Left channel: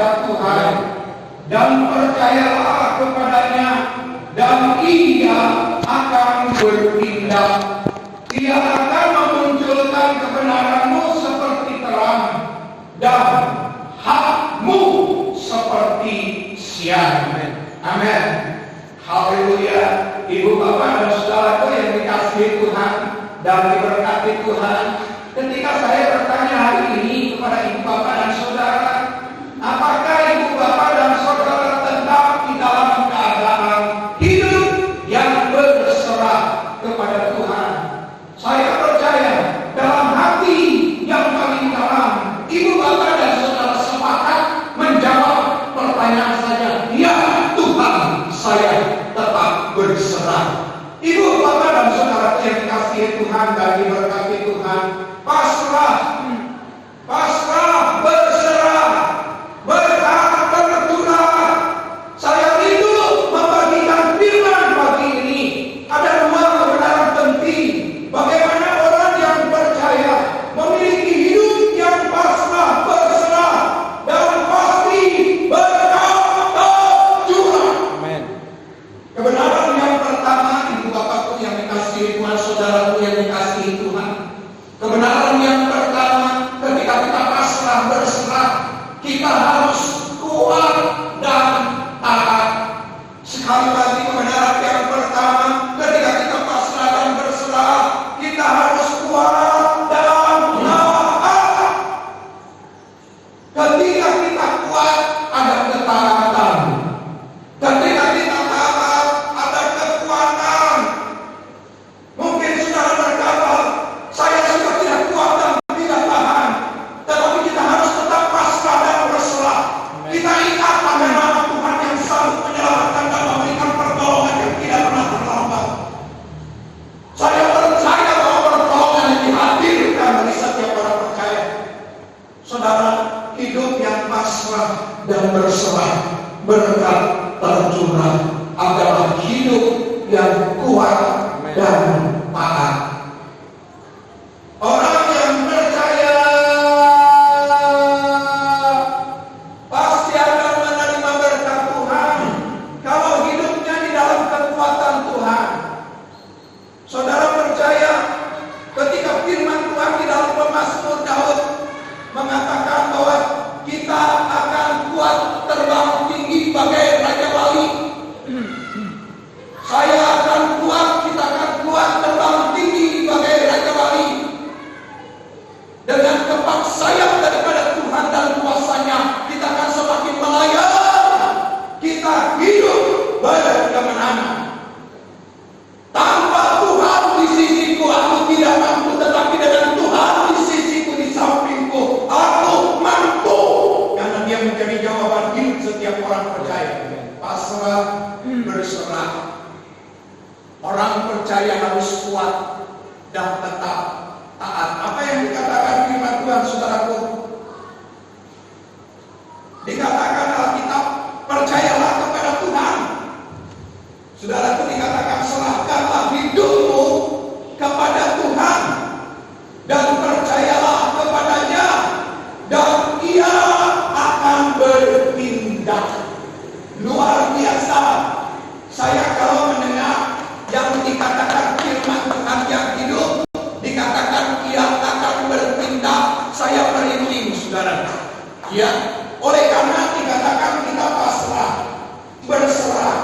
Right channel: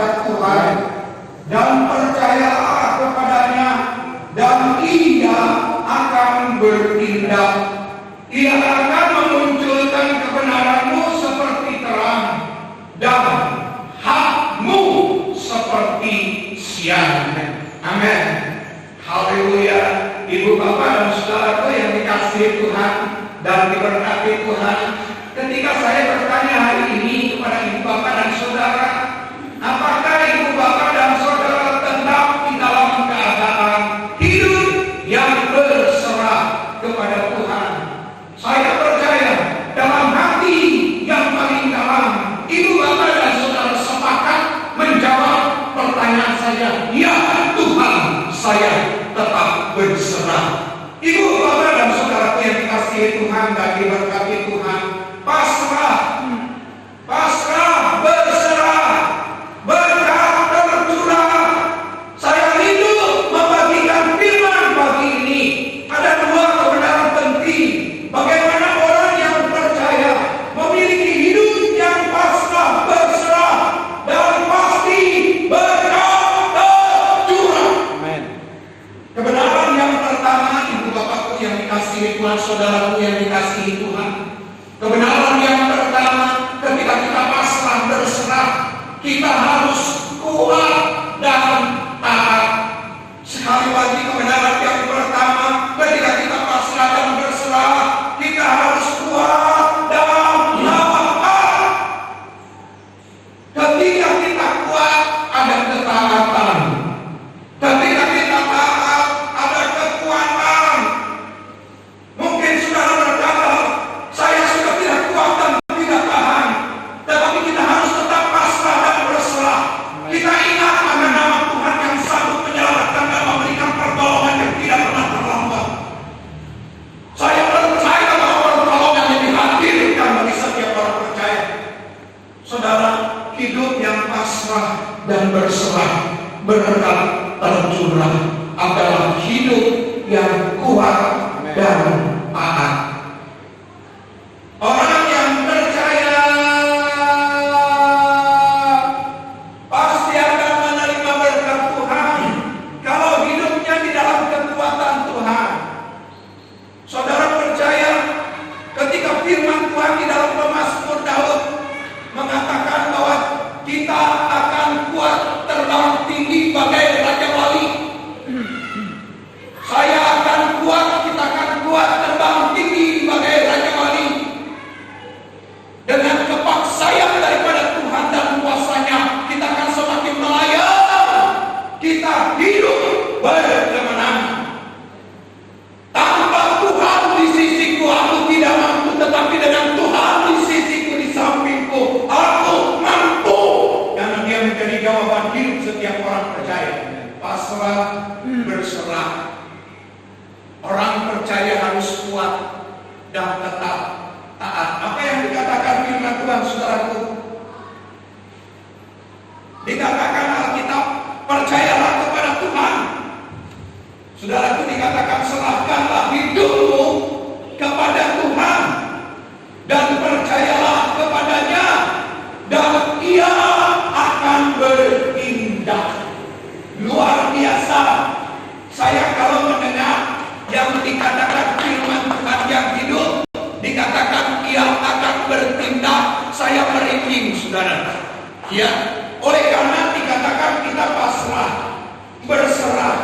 kepada Tuhan dan percayalah kepadanya, dan Ia akan bertindak. Ia akan memunculkan kebenaranmu seperti terang dan hakmu seperti siang. Amin. Haleluya. Ibu bapak dan saudaraku yang dikasihi Tuhan dan diberkati Tuhan, ketika saya bertanya hari ini kepada ibu bapak dan saudara, apakah ibu bapak dan saudara tetap di dalam keadaan hidup yang berserah kepada Tuhan? Saya percaya dalam hati yang paling dalam, ibu bapak dan saudara sepakat menjawab pertanyaan saya, ya Tuhan, saya tetap berserah. Ibu bapak dan saudaraku yang dikasihi Tuhan dan diberkati Tuhan, pasrah, berserah, berkah tercurah. Saya rindu membagikan firman pagi ini. Ada dua kebenaran penting. Bagaimana orang yang percaya memiliki hidup yang pasrah, berserah, dan pasti berkah tercurah. Amin. Kebenaran yang pertama, ibu bapakku yang dikasihi Tuhan, saudaraku yang dikasihi Tuhan. Kebenaran yang pertama, ketika kita pasrah berserah, kita harus kuat dan taat. Sekali lagi, kebenaran yang pertama, ketika kita pasrah dan berserah, kita harus kuat dan taat. Ketika kita kuat, ada ketaatan. Ketika kita taat, ada kekuatan. Mungkin saudara berkata, saya sudah tidak kuat dan tidak tahan. Tetapi kita harus tetap pasrah dan berserah. Kita ingat akan nama Tuhan yang sanggup menyelamatkan dan memberikan pertolongan yang tidak pernah terlambat. Saya percaya bahwa pertolongan yang dihadirkan bagi setiap orang percaya. Saudara, hidup yang pasrah dan berserah, berkat tercurah, adalah hidup yang kuat dan taat. Orang yang percaya pasti akan menerima berkat Tuhan kalau hidupnya di dalam kekuatan Tuhan. Saudara percaya ketika firman Tuhan di dalam Pemazmur Daud mengatakan bahwa kita akan kuat terbang tinggi bagai Raja Wali. Saya akan kuat, kita akan kuat terbang tinggi bagai Raja Wali. Dengan kepak sayap daripada Tuhan dan kuasanya, kita akan semakin melayang. Kita hidup berkemenangan. Tanpa Tuhan di sisiku, aku tidak mampu. Tetapi dengan Tuhan di sisiku, di sampingku, aku mampu. Karena dia menjadi jawaban hidup setiap orang percaya. Pasrah, berserah. Orang percaya harus kuat dan tetap taat. Apa yang dikatakan firman Tuhan, saudaraku? Dikatakan Alkitab, percayalah kepada Tuhan. Saudaraku, dikatakan serahkanlah hidupmu kepada Tuhan dan percayalah kepadanya, dan Ia akan bertindak. Luar biasa. Saya kalau mendengar yang dikatakan firman Tuhan yang hidup, dikatakan Ia akan bertindak, saya merinding, saudara. Ya, oleh karena dikatakan kita pasrah, berserah.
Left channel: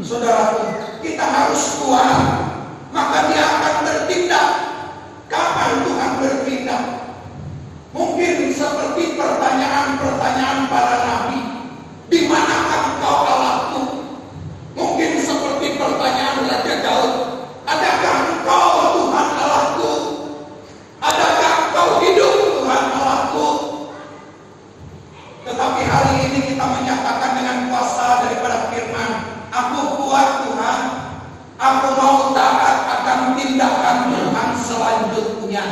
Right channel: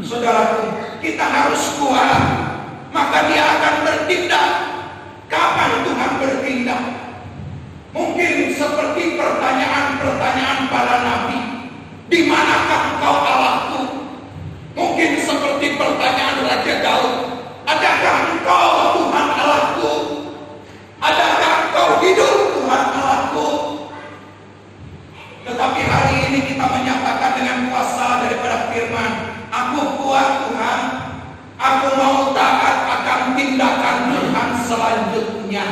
Saudaraku, kita harus kuat, maka Dia akan bertindak. Kapan Tuhan bertindak? Mungkin seperti pertanyaan-pertanyaan para nabi, di manakah engkau Allahku? Mungkin seperti pertanyaan Raja Daud, adakah engkau Tuhan Allahku? Adakah engkau hidup Tuhan Allahku? Tetapi hari ini kita menyatakan dengan kuasa daripada firman, aku kuat Tuhan, aku mau taat akan tindakan Tuhan selanjutnya.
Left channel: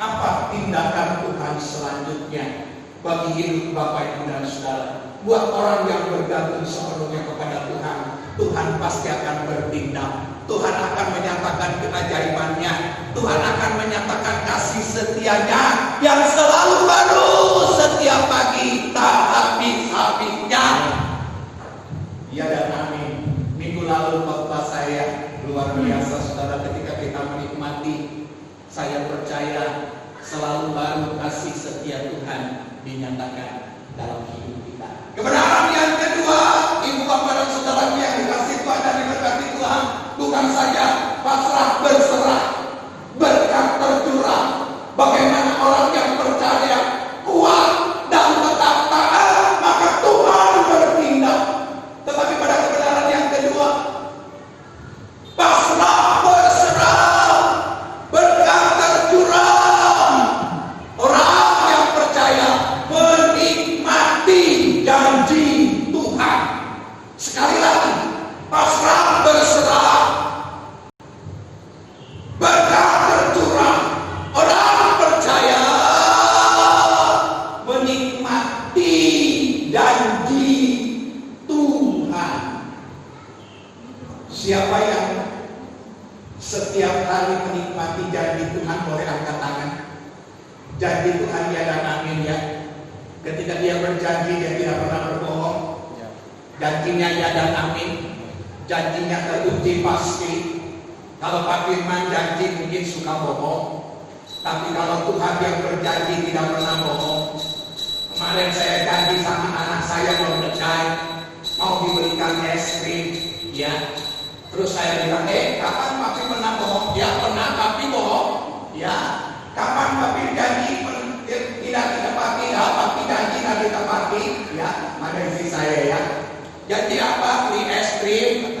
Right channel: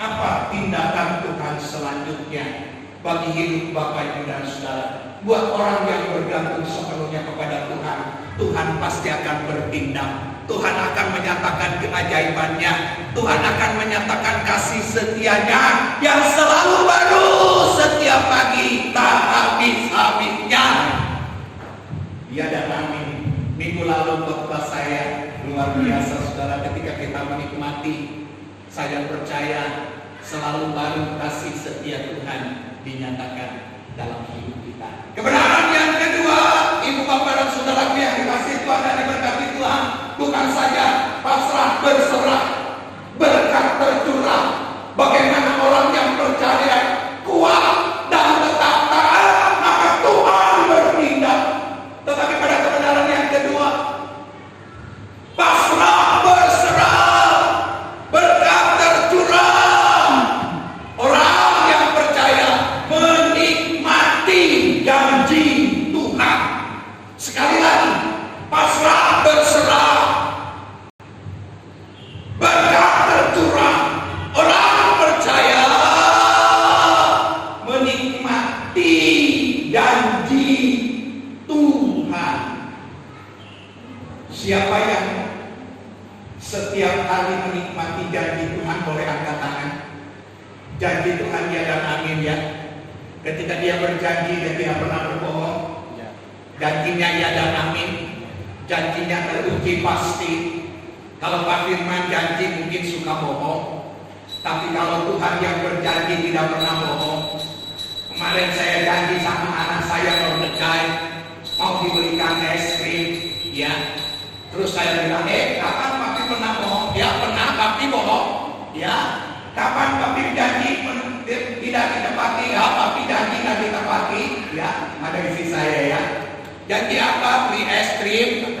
Apa tindakan Tuhan selanjutnya bagi hidup Bapak Ibu dan Saudara? Buat orang yang bergantung sepenuhnya kepada Tuhan, Tuhan pasti akan bertindak. Tuhan akan menyatakan keajaibannya. Tuhan akan menyatakan kasih setianya yang selalu baru setiap pagi, tak habis percaya selalu baru kasih setia Tuhan dinyatakan dalam hidup kita. Kebenaran yang kedua, ibu bapak dan saudaraku yang dikasih Tuhan dan diberkati Tuhan, bukan saja pasrah berserah, berkat tercurah. Bagaimana orang yang percaya kuat dan tetap taat, maka Tuhan bertindak. Tetapi pada kebenaran yang kedua, pasrah berserah, berkat tercurah. Orang yang percaya menikmati janji Tuhan. Sekali lagi, pasrah berserah, berkat tercurah. Orang percaya menikmati janji Tuhan. Siapa yang setiap hari menikmati janji Tuhan boleh angkat tangan. Janji Tuhan ya dan amin ya. Ketika dia berjanji dia tidak pernah berbohong. Janjinya ya dan amin. Janjinya teruji pasti. Kalau Pak Firman janji mungkin suka bohong. Tapi kalau Tuhan yang berjanji tidak pernah bohong. Kemarin saya janji sama anak saya mau ngecai, mau diberikan es krim, ya. Terus saya bilang, kapan papi pernah bohong? Ya pernah papi bohong. Ya, kapan papi janji tidak ditepati? Ya, papi janji tidak ditepati. Ya, ada isi saya ya. Janji apa? Beli es krim.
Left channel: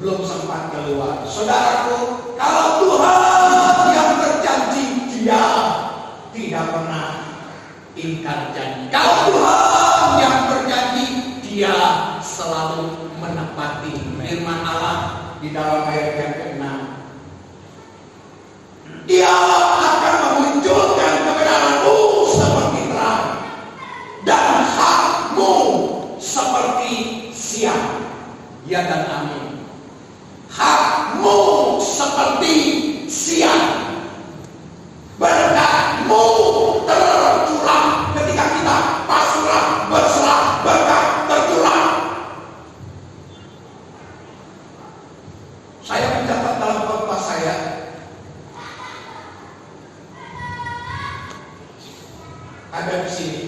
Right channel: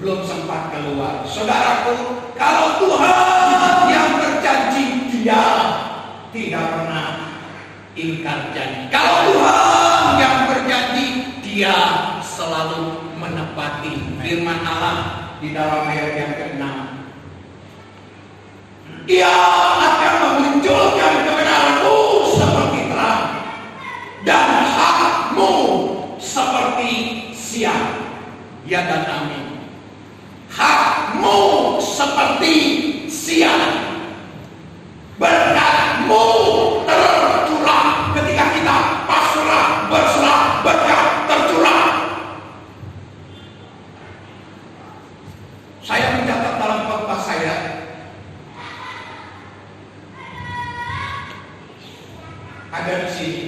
Belum sempat keluar. Saudaraku, kalau Tuhan yang berjanji, dia tidak pernah ingkar janji. Kalau Tuhan yang berjanji, dia selalu menepati firman Allah di dalam ayat yang ke-6. Dia akan memunculkan kebenaranmu seperti terang dan hakmu seperti siang. Ya dan amin. Hakmu seperti siang, berkatmu tercurah. Ketika kita pasrah berserah, berkat tercurah. Saya mencatat dalam khotbah saya, ada di sini.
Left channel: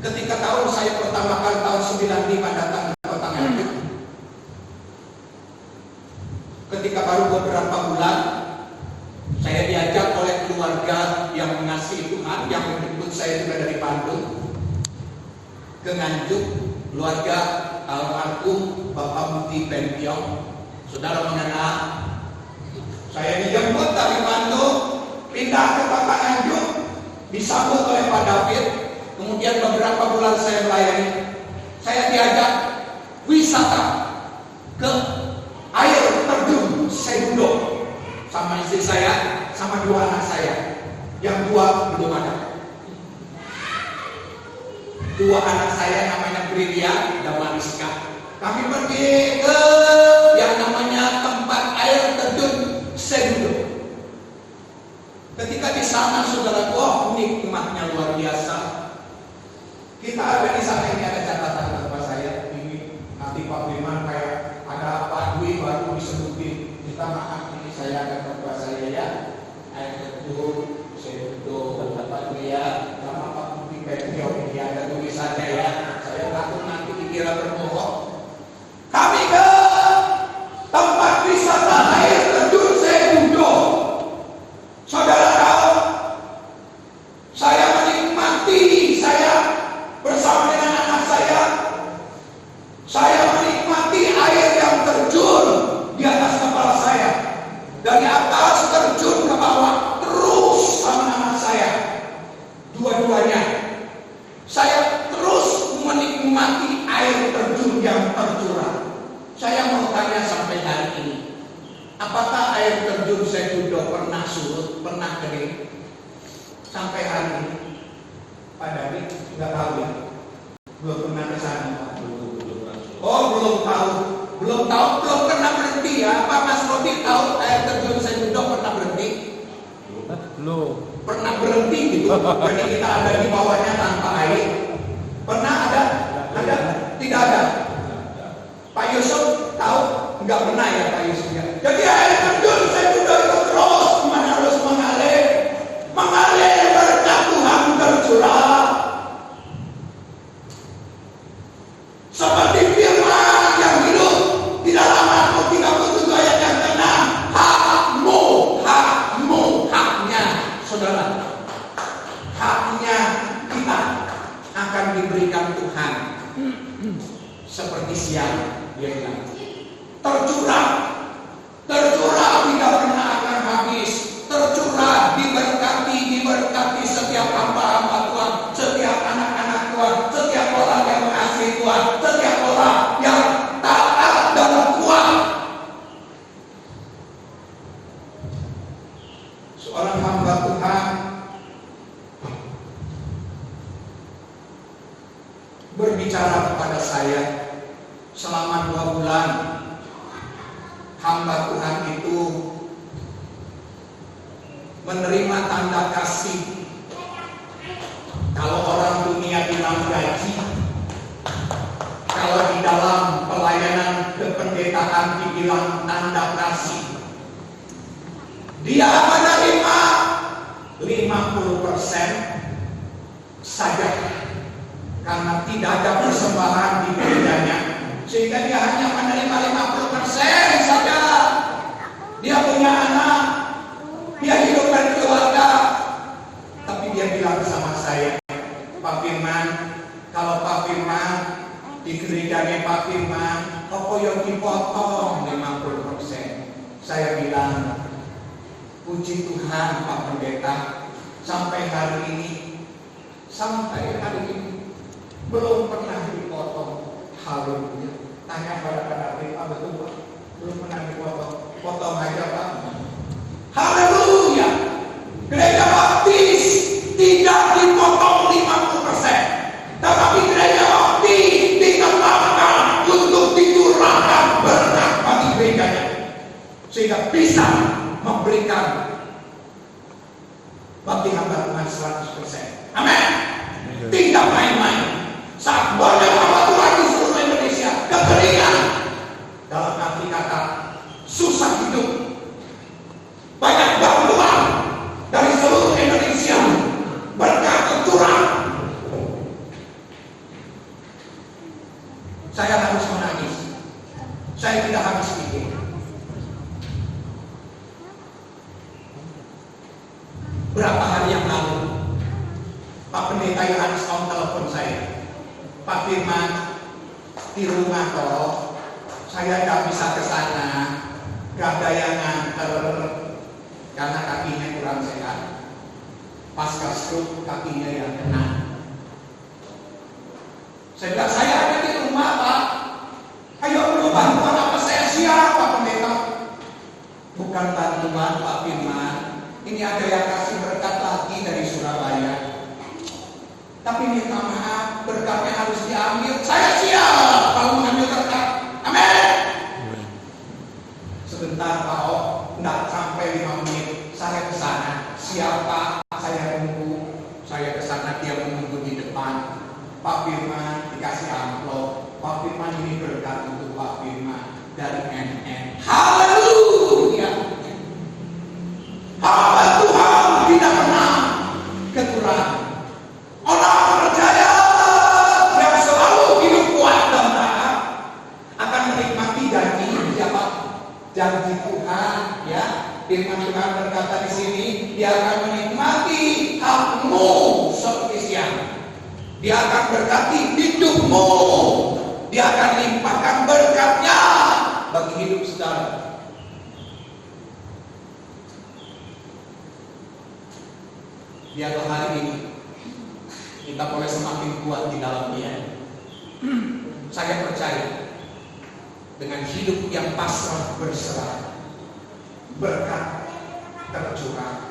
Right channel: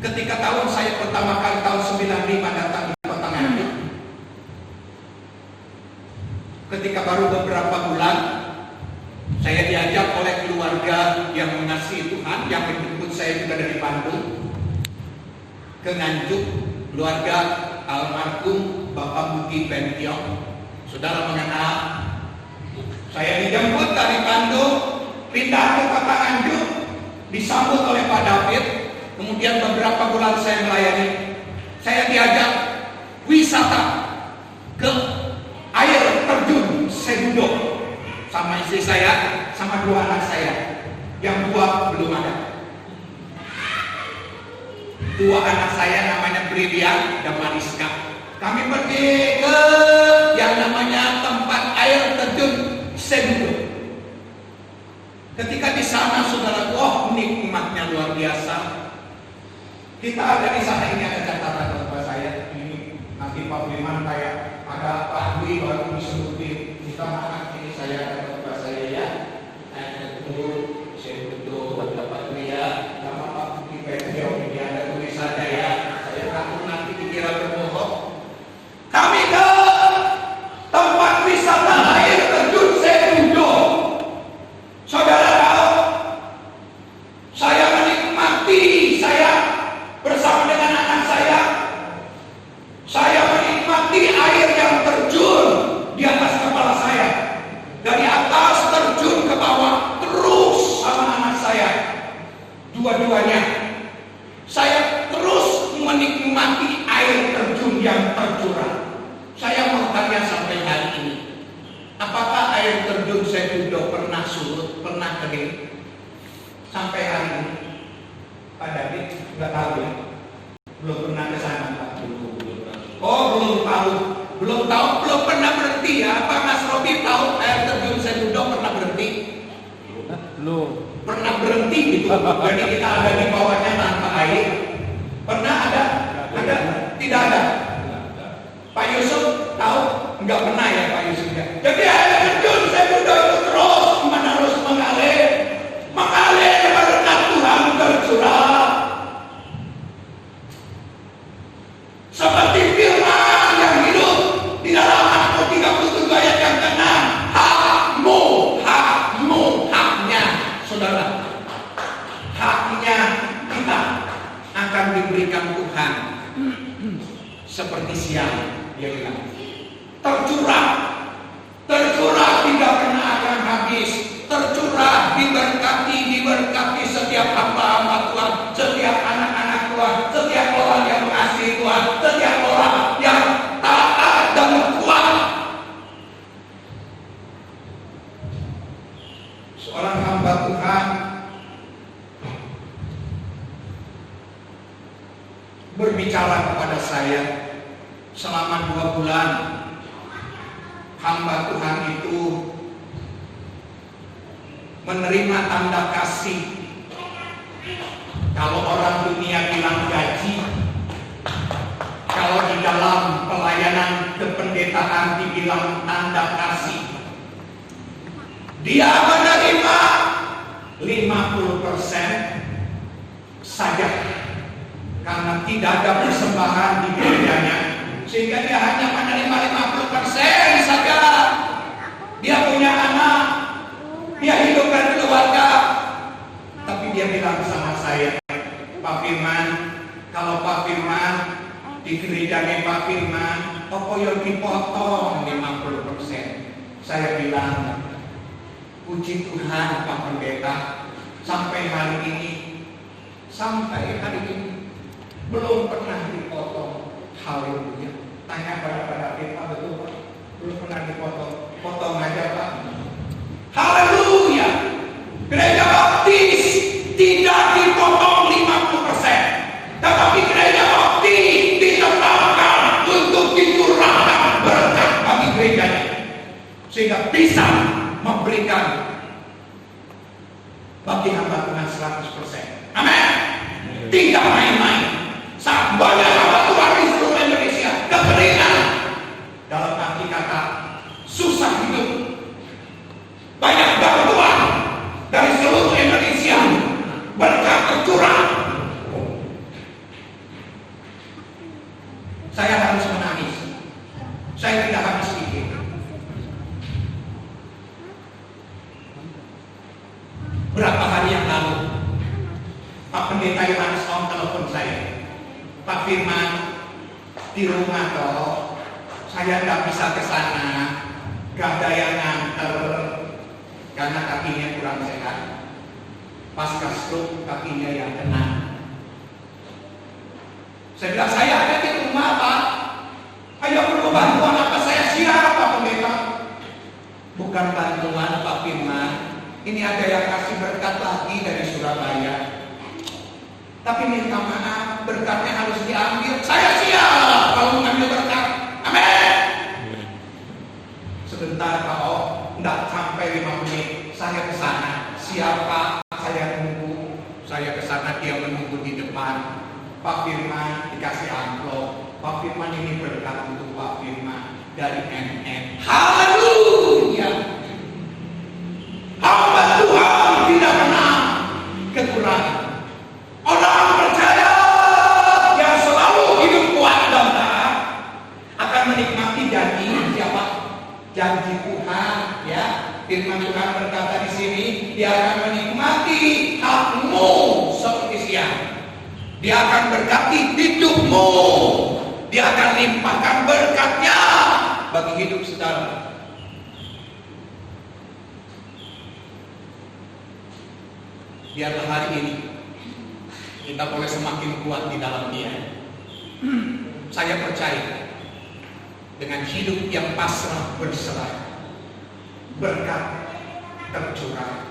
Ketika saya pertama kali tahun 95 datang di Kota Nganjuk, ketika baru beberapa bulan, saya diajak oleh keluarga yang mengasihi Tuhan, yang menjemput saya juga dari Bandung ke Nganjuk, keluarga almarhum Bapak Budi Pentiong. Saudara mengenal, saya dijemput dari Bandung, pindah ke Kota Nganjuk, disambut oleh Pak David. Kemudian beberapa bulan saya melayani, saya diajak wisata ke air terjun Sedudo sama istri saya, sama dua anak saya. Yang dua belum ada. Dua anak saya namanya Brilian dan Mariska. Kami pergi ke yang namanya tempat air terjun Sedudo. Ketika di sana, saudaraku, nikmatnya luar biasa. Kita ada di sana, ini ada catatan buat saya. Ini nanti Pak Firman kayak ada Pak Dwi baru disebutin. Kita maaf, ini saya ada buat saya ya. Air terjun Sedudo, Pak Dwi ya, sama Pak Budi Pentiong. Ini ada tulisannya ya. Saya takut nanti dikira berbohong. Kami ke tempat wisata air terjun Sedudo. Saudara tahu, saya menikmati, saya bersama dengan anak saya menikmati air yang terjun di atas kepala saya. Dari atas terjun ke bawah, terus sama anak saya. Dua-duanya. Saya terus menikmati air terjun yang tercurah. Saya mau tanya sampai hari ini, apakah air terjun Sedudo pernah surut, pernah kering? Sampai hari ini Pak David nggak tahu ya, belum pernah ke sana Pak. Oh belum tahu, belum pernah berhenti ya. Pak Mas Robi tahu air terjun Sedudo pernah berhenti? Belum. Pernah berhenti gitu. Jadi kita ada di bawahnya tanpa air. Pernah ada? Ada? Tidak ada. Pak Yusuf tahu? Enggak pernah ya Pak Yusuf ya. Jadi air terjun Sedudo itu mengalir berkat Tuhan tercurah. Seperti firman yang hidup di dalam Mazmur 37 ayat yang ke-6. Haknya, saudara. Haknya kita akan diberikan Tuhan. Seperti siang, dia bilang. Tercurah tidak pernah akan habis. Tercurah, diberkati setiap hamba-hamba Tuhan, setiap anak-anak Tuhan, setiap orang yang mengasihi Tuhan, setiap orang yang taat dan kuat. Seorang hamba Tuhan berbicara kepada saya selama 2 bulan. Hamba Tuhan itu menerima tanda kasih. Kalau orang dunia bilang gaji, kalau di dalam pelayanan kependetaan dibilang tanda kasih. Dia menerima 50% saja, karena tidak ada persembahan di gerejanya, sehingga dia hanya menerima 50% saja. Dia punya anak, dia hidupkan keluarga, tapi dia bilang sama saya, Pak Firman, kalau Pak Firman di gerejanya Pak Firman, apa yang dipotong 50%? Saya bilang, puji Tuhan Pak Pendeta, sampai hari ini belum pernah dipotong. Haleluya. Tanya pada Pak, betul Pak? Belum pernah dipotong. Potong aja Pak. Haleluya. Gereja Baptis tidak dipotong 50%, tetapi gereja Baptis ditetapkan untuk dicurahkan berkat bagi gerejanya, sehingga bisa memberikan bagi hamba Tuhan 100%. Amin. Tidak main-main. Saat banyak hamba Tuhan di seluruh Indonesia kekeringan, dalam arti kata susah hidup, banyak bantuan dari seluruh Indonesia, berkat tercurah. Saya harus menangis. Saya tidak habis pikir. Berapa hari yang lalu, Pak Pendeta Yohanes Om telepon saya, Pak Firman, di rumah toh, saya tidak bisa ke sana, gak ada yang nganter, karena kakinya kurang sehat. Pasca stroke kakinya yang kena. Saya bilang, saya ada di rumah Pak, ayo perlu bantuan apa? Saya siap Pak Pendeta. Bukan bantuan Pak Firman, ini ada yang kasih berkat lagi dari Surabaya, tapi minta maaf, berkatnya harus diambil. Saya siap kalau mengambil berkat. Amin. Sebentar Pak O, tidak sampai 5 menit saya ke sana. Siapa? Saya menunggu. Saya ke sana, dia menunggu di depan. Pak Firman dikasih amplop. Pak Firman, ini berkat untuk Pak Firman dari MN. Haleluya. Hamba Tuhan tidak pernah kekurangan. Orang percaya yang selalu hidup kuat dan taat akan menikmati janji siapa? Janji Tuhan, ya. Firman Tuhan berkata di sini, dia akan menikmati hakmu seperti siang. Dia akan berkati hidupmu. Dia akan limpahkan berkatnya bagi hidup saudara. Biarlah hari ini kita boleh semakin kuat di dalam Dia. Saya percaya dengan hidup yang pasrah berserah, berkat tercurah.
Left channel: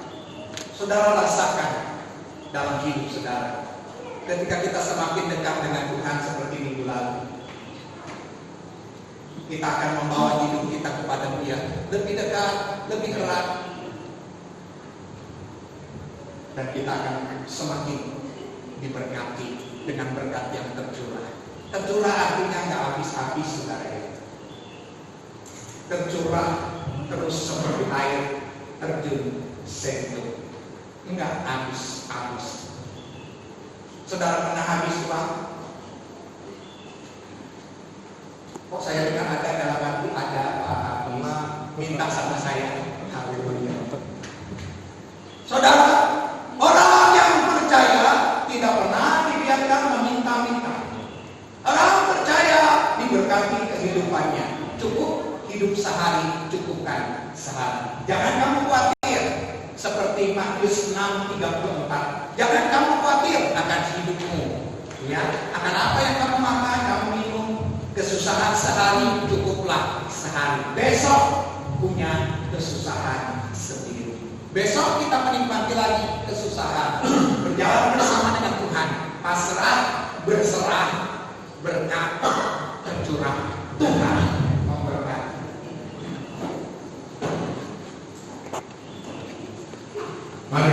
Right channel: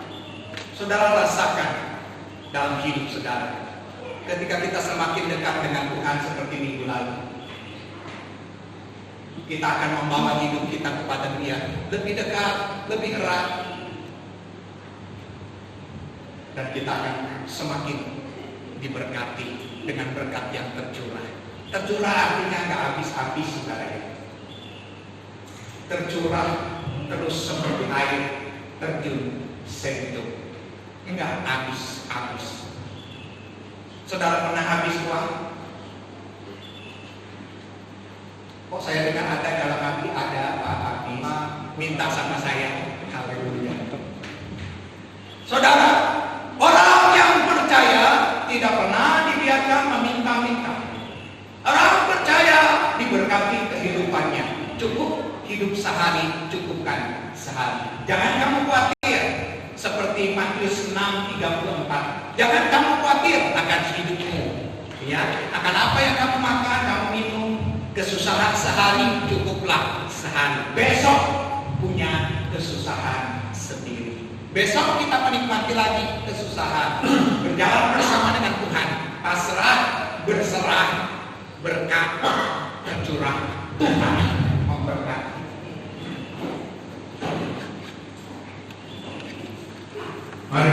Saudara rasakan dalam hidup saudara, ketika kita semakin dekat dengan Tuhan seperti minggu lalu, kita akan membawa hidup kita kepada Dia lebih dekat, lebih erat, dan kita akan semakin diberkati dengan berkat yang tercurah. Tercurah artinya nggak habis-habis, saudara ya. Tercurah terus seperti air terjun sento. Enggak, habis. Saudara pernah habis uang? Kok saya dengar ada dalam hati, ada Pak Habis minta sama saya. Haleluya. Saudara, orang yang percaya tidak pernah dibiarkan meminta-minta. Orang percaya diberkati kehidupannya. Cukup hidup sehari, cukupkan sehari. Jangan kamu khawatir seperti Matius 6:34. Jangan kamu khawatir akan hidupmu, ya, akan apa yang kamu makan, kamu minum. Kesusahan sehari cukuplah sehari. Besok punya kesusahan sendiri. Besok kita menikmati lagi kesusahan. Berjalan bersama dengan Tuhan. Pasrah, berserah, berkat tercurah. Tuhan memberkati. Mari